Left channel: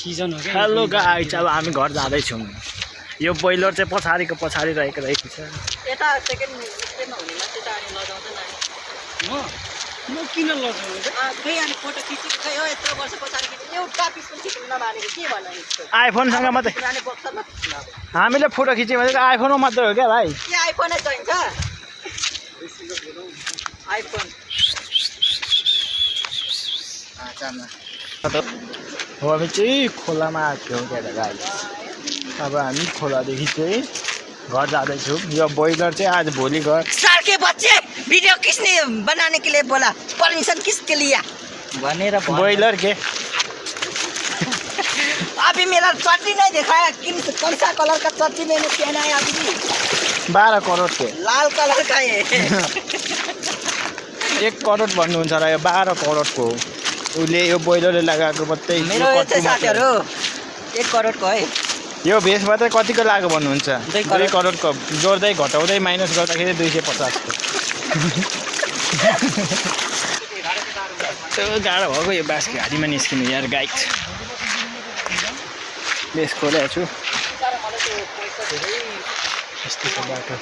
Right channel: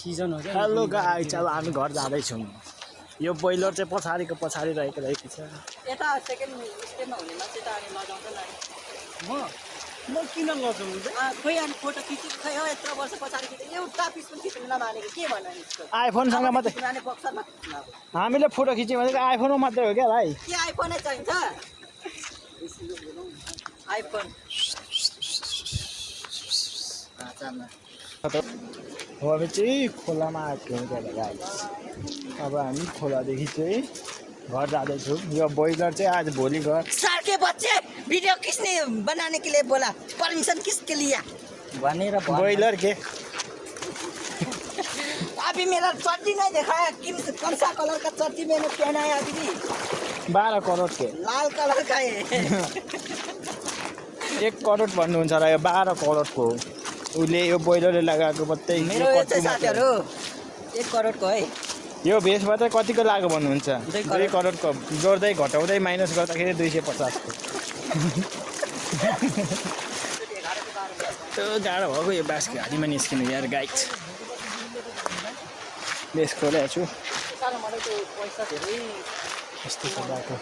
Season हो क्या hello guys, अब हामी घर जाँदैछौँ। यो बोइलर चाहिँ पछाडि रहेको छ। यता सेकेन्ड स्टेपमा हुने मान्छे त अनि लगाउँछ नानी म किन लजाउनु त खोइ अनि फोटो खिचेको खै हो यत्रो वर्ष पछाडि एउटा पिस पनि खिच्नु नमानेको के भन्नु यस्तो आइफोनसँग मात्रै पुरानो बक्समा खिच्नु अब हामीले फोटो खिच्यो भने चाहिँ आइफोनमा मात्रै हो क्या भाइ। के आइफोनै चाहिन्छ आइफोन हो हामी चाहिँ खोलामा आएको थियौँ क्या गाइस। अब हामी खोलादेखि चाहिँ घर जाँदैछौँ। यो बोइलर चाहिँ आज भोलि घर साल के बच्चे वीडियो किसने बनाने के लिए बोला परमिशन किसके लिया भनेर बोइलर के अभी मेरा चट्टी नहीं दिखाया कौन सा कलर का चट्टी मैंने पहना है अभी 12 करोड के लाल कलर का है 1 करोड भन्नुहुन्छ होला। यो 12 करोडको हो। उसले यो बोइलरले लगाएको मात्रै मेरो चाहिँ साथीहरु 1 करोडको है। यो भेसमा चाहिँ कतिको लाग्यो भन्नुहुन्छ? 2 करोडको जोड्दै घटाउँदै माइनस गर्दाखेरि 250 को। गाह्रो भएको यो बाँसको घाँटीमा निस्किनु यार गाइस। बेस खोलेको छु। यस्तो छ बाटो।